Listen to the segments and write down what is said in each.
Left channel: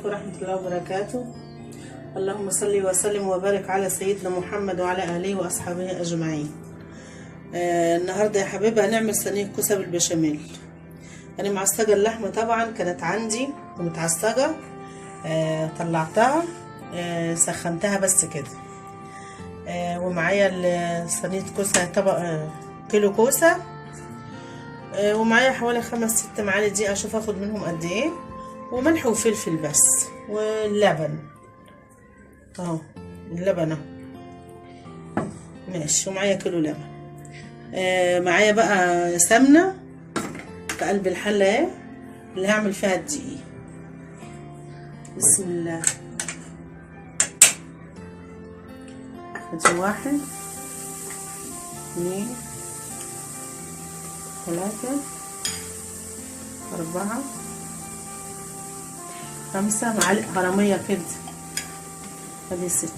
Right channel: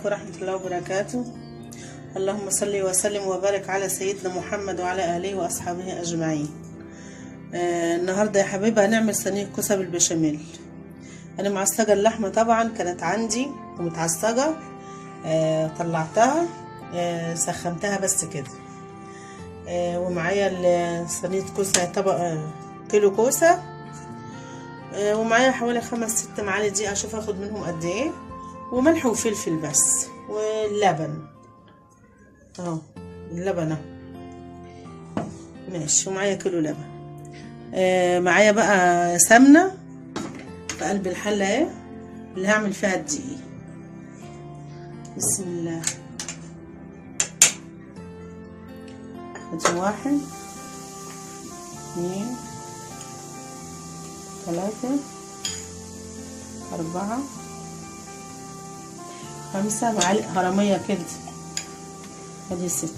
عليكم ورحمة الله وبركاته. اللهم صل وسلم وبارك على سيدنا محمد وعلى آله وأصحابه أجمعين. النهاردة يا حبيبة هنعمل صينية كوسة بالبشاميل. أنا معصجة اللحمة طبعا كانت عندي ومتعصجة، طلعتها سخنتها بس كده. ومعايا صينية كوسة طبق كيلو كوسة، ومعايا حوالي 5-6 معالق دقيق، اشوف اخد منهم قد ايه، وملح وفلفل بس، واللبن اهو، اللبن اهو ماشي، ومعايا كيلو لبن. معايا بقى سمنه في قلب الحله اهي اللي هعمل فيها الدقيق. بسم الله. ادي 1 2 3 4 5 معالق هرمية كده، ادي 6.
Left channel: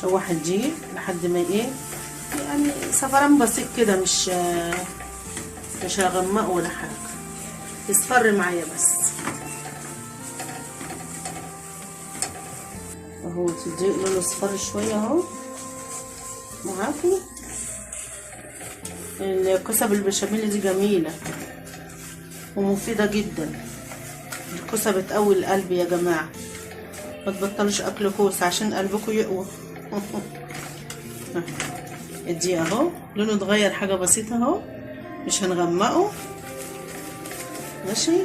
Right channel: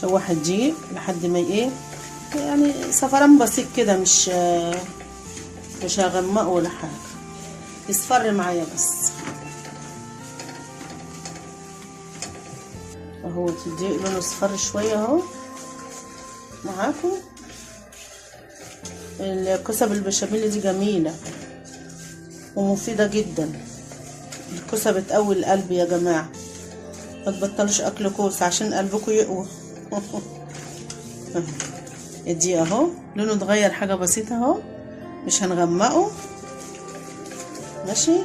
شوح الدقيق لحد ما ايه يعني صفران بسيط كده، مش هغمقه ولا حاجه، يصفر معايا بس اهو. الدقيق لونه اصفر شويه اهو معاكم. الكوسه بالبشاميل دي جميله ومفيده جدا. الكوسه بتقوي القلب يا جماعه، ما تبطلوش اكل كوسه عشان قلبكم يقوى. الدقيق اهو لونه اتغير حاجه بسيطه اهو، مش هنغمقه ماشي.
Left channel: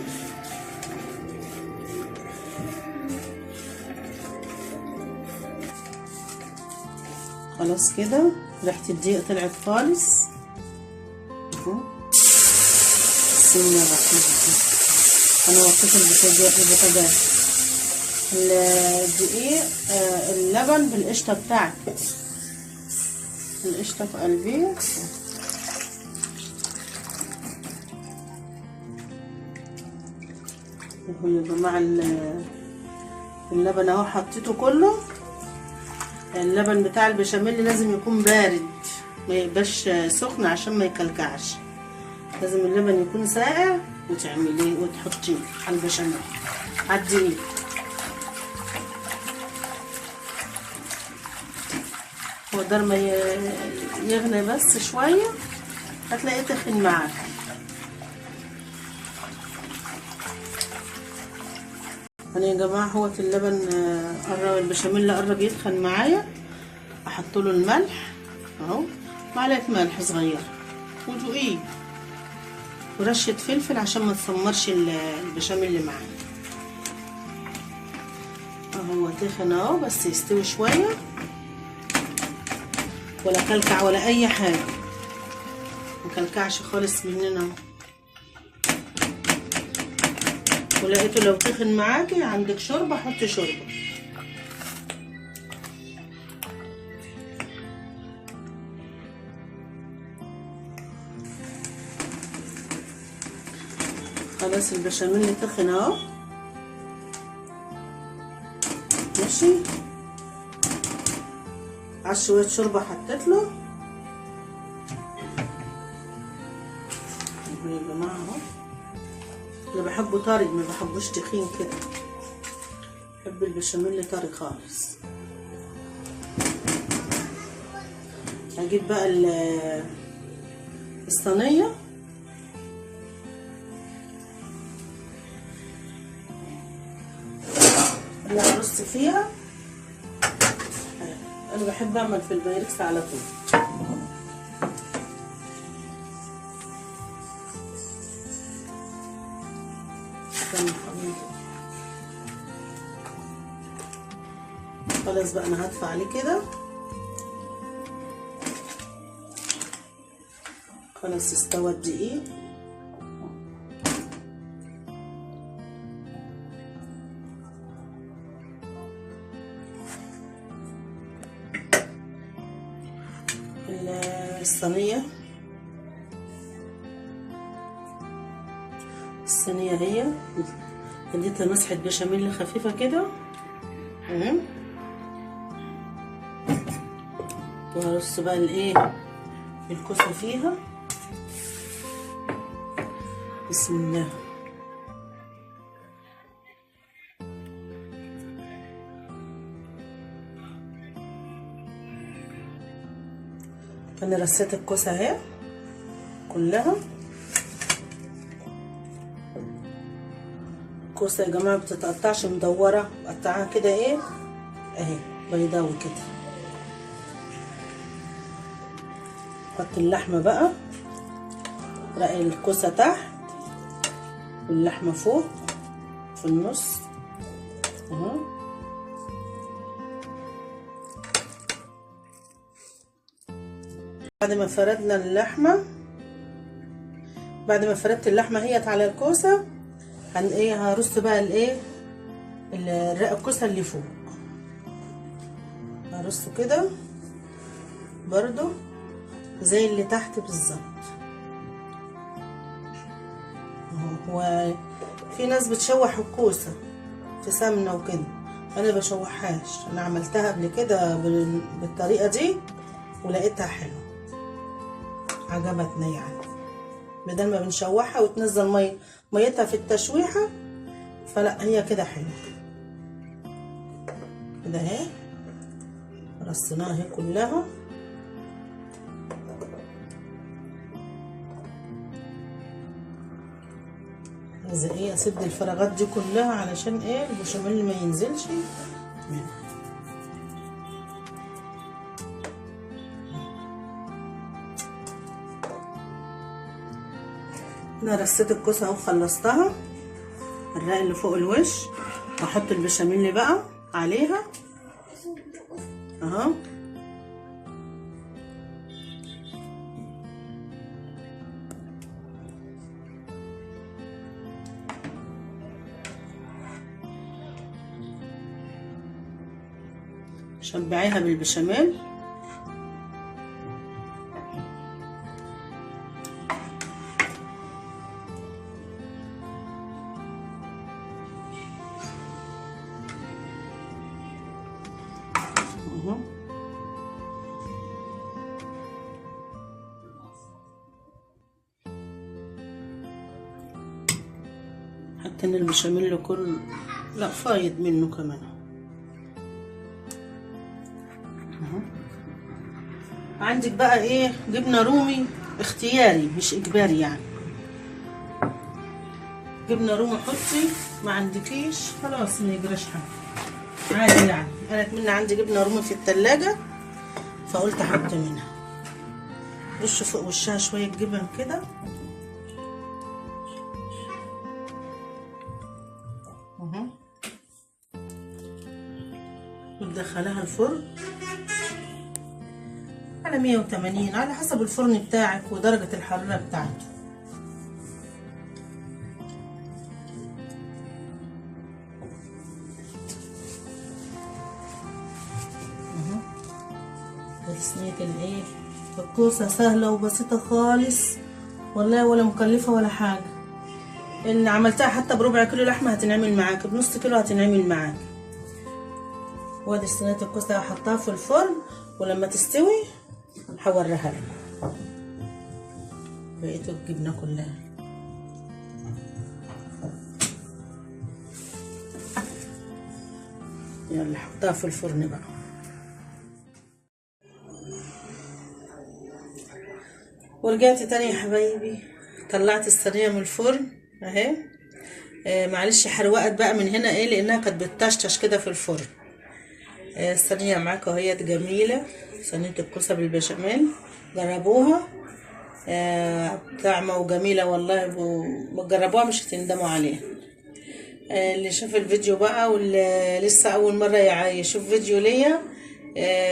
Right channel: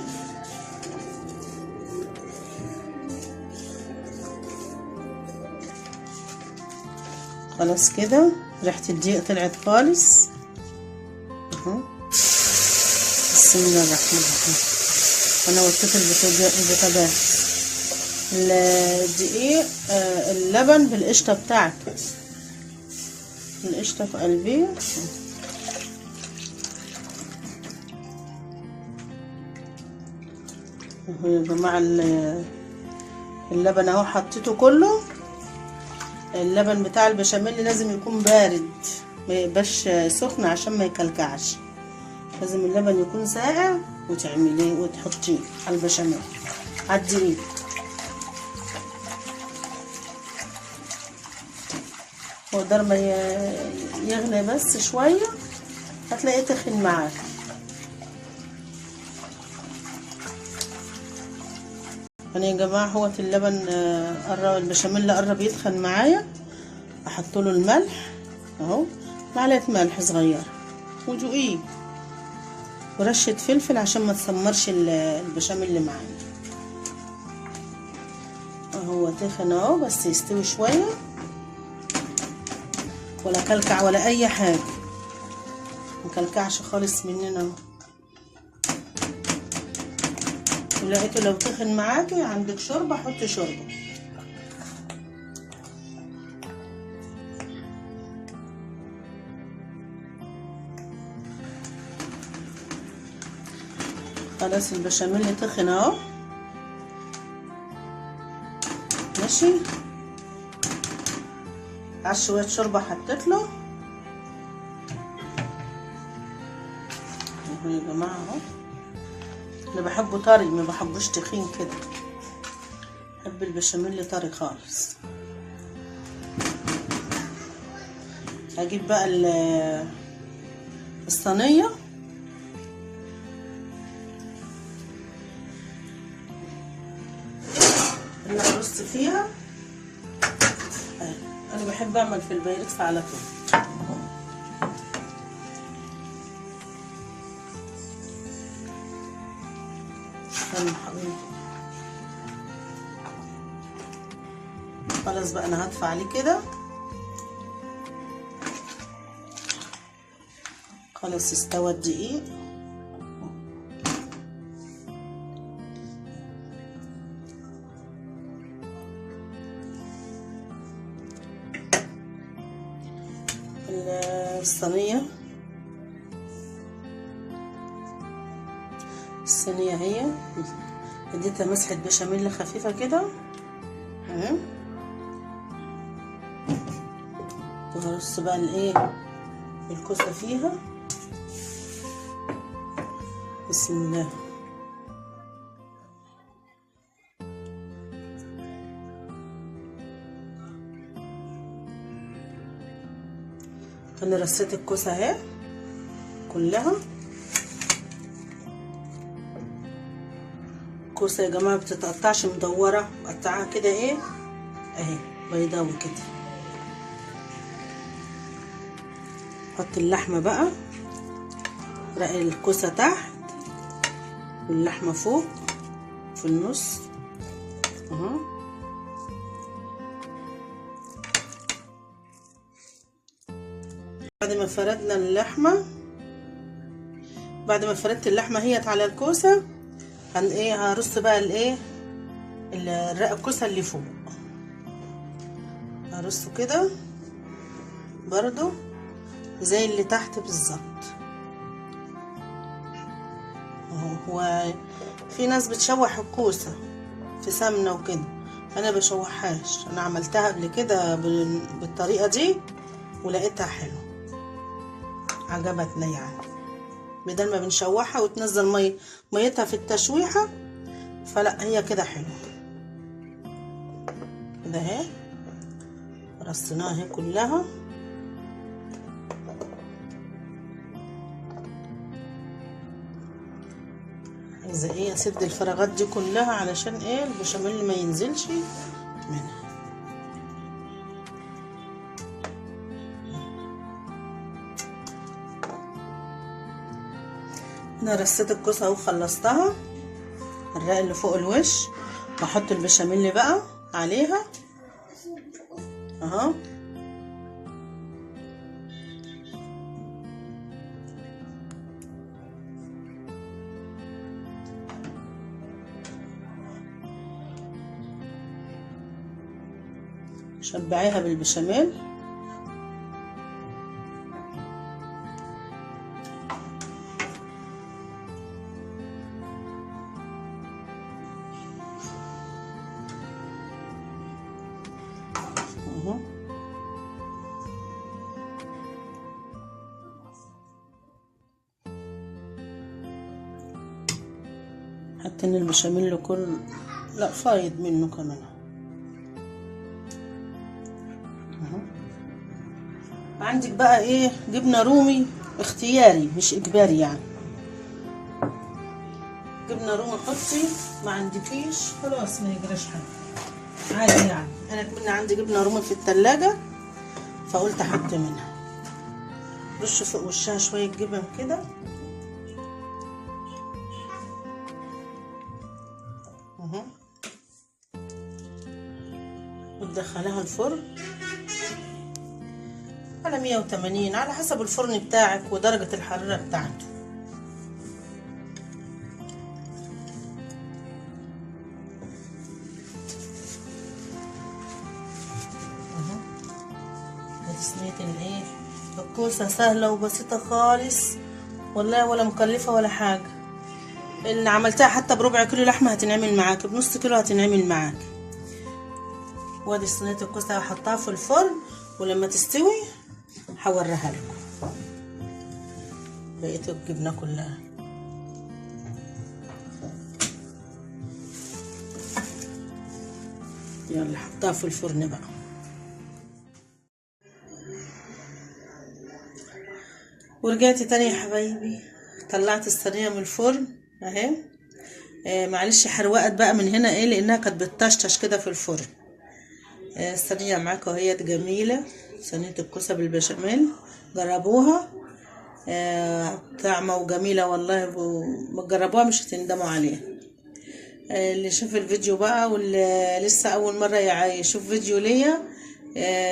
خلاص كده ريحه الدقيق طلعت خالص اهو. بسم الله الرحمن الرحيم. انا وطيت البوتاجاز. الدقيق اللبن بالقشطه بتاعته، القشطه في قلبي اهو يا جماعه. اللبن اهو حطيته كله. اللبن بتاع البشاميل لازم يكون بارد، ما يبقاش سخن عشان ما يكلكعش. لازم اللبن يكون ساقع وتعمليه وتحطيه على البشاميل على الدقيق. مقدار ما يغلي بس شويه هتلاقيه تخن معاك. يعني يا جماعه هو اللبن قرب، البشاميل قرب يتخن معايا، احط له الملح اهو، معلقه ملح صغيره ودقيق ورشه فلفل عشان ما تسمرش البشاميل اللي معايا اهو. تخن اهو بس يستوي شويه، ولا كلكع ولا اي حاجه، مكلكعش خالص مننا. ولقيته لو تخن معاكي عندك شوربه حطي شوربه. خلاص البشاميل تخن اهو ماشي. على شويه شوربه حطيت له يا جماعه اهو. اللي بحبه طري، ما بحبوش تخين كده، بحب البشاميل طري خالص. هجيب بقى الصينيه اللي هرص فيها. انا بحب اعمل في البايركس على طول. خلاص بقى انا هدفع عليه كده. خلاص استوى الدقيق. الصينية الصينية اهي، اديتها مسحة بشاميل خفيفة كده. وهرص بقى الايه الكوسة فيها. بسم الله. انا رصيت الكوسة اهي كلها. الكوسة يا جماعة بتتقطعش مدورة، قطعها كده ايه اهي بيضاوي كده. حط اللحمة بقى، رقي الكوسة تحت واللحمة فوق في النص اهو. بعد ما فردنا اللحمة، بعد ما فردت اللحمة هيت على الكوسة، هرص بقى الايه الرق الكوسة اللي فوق، هرصه كده برضو زي اللي تحت بالظبط اهو. وفي ناس بتشوح الكوسة في سمنة وكده، انا بشوحهاش، انا عملتها قبل كده بالطريقة دي ولقيتها حلوة عجبتني يعني. بدل ما بنشوحها وتنزل ميتها في التشويحة، فلا هي كده حلوة كده اهي. رصيناها اهي كلها. عايزة ايه اسد الفراغات دي كلها علشان ايه البشاميل ما ينزلش منها. انا رصيت الكوسه اهو خلصتها، الرق اللي فوق الوش، هحط البشاميل بقى عليها اهو. شبعيها بالبشاميل. حاطين البشاميل كل لا فايض منه كمان اهو. عندك بقى ايه جبنه رومي اختياري مش اجباري يعني، جبنه رومي حطي، ما عندكيش خلاص ما يجراش حاجه عادي يعني. انا كمان عندي جبنه رومي في التلاجة فقلت احط منها. بصوا فوق وشها شويه جبن كده اهو، وتدخلها الفرن على 180 على حسب الفرن بتاعك ودرجة الحرارة بتاعته. اهو دي صينية الايه الكوسة، سهلة وبسيطة خالص والله، ولا مكلفة ولا حاجة. اللي عملتها حتى بربع كيلو لحمة هتنعمل معاك، بنص كيلو هتنعمل معاك. وادي صينية الكوسة هحطها في الفرن، ولما تستوي هوريها لكم بقية الجبنة كلها. يلا حطها في الفرن بقى. ورجعت تاني يا حبايبي، طلعت الصينية من الفرن اهي. معلش حروقت بقى من هنا ايه لانها كانت بتطشطش كده في الفرن. الصينية معاكم اهي جميلة، صينية الكوسة بالبشاميل، جربوها طعمة وجميلة والله، وجربوها مش هتندموا عليها. اللي شاف الفيديو بقى واللي لسه اول مرة يشوف فيديو ليا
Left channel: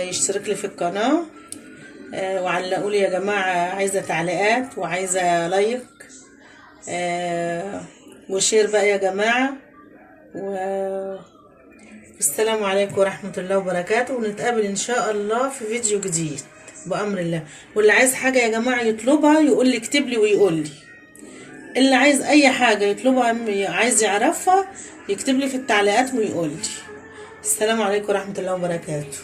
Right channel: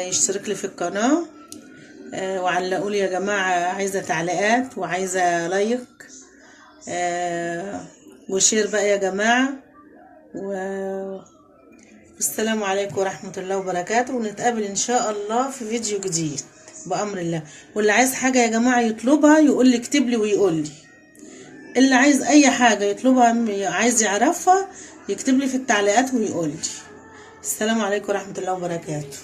يشترك لي في القناة، وعلقوا لي يا جماعة، عايزة تعليقات وعايزة لايك وشير بقى يا جماعة. والسلام عليكم ورحمة الله وبركاته، ونتقابل ان شاء الله في فيديو جديد بأمر الله. واللي عايز حاجة يا جماعة يطلبها يقول لي، اكتب لي ويقول لي، اللي عايز اي حاجة يطلبها، عايز يعرفها، يكتب لي في التعليقات ويقول لي. السلام عليكم ورحمة الله وبركاته.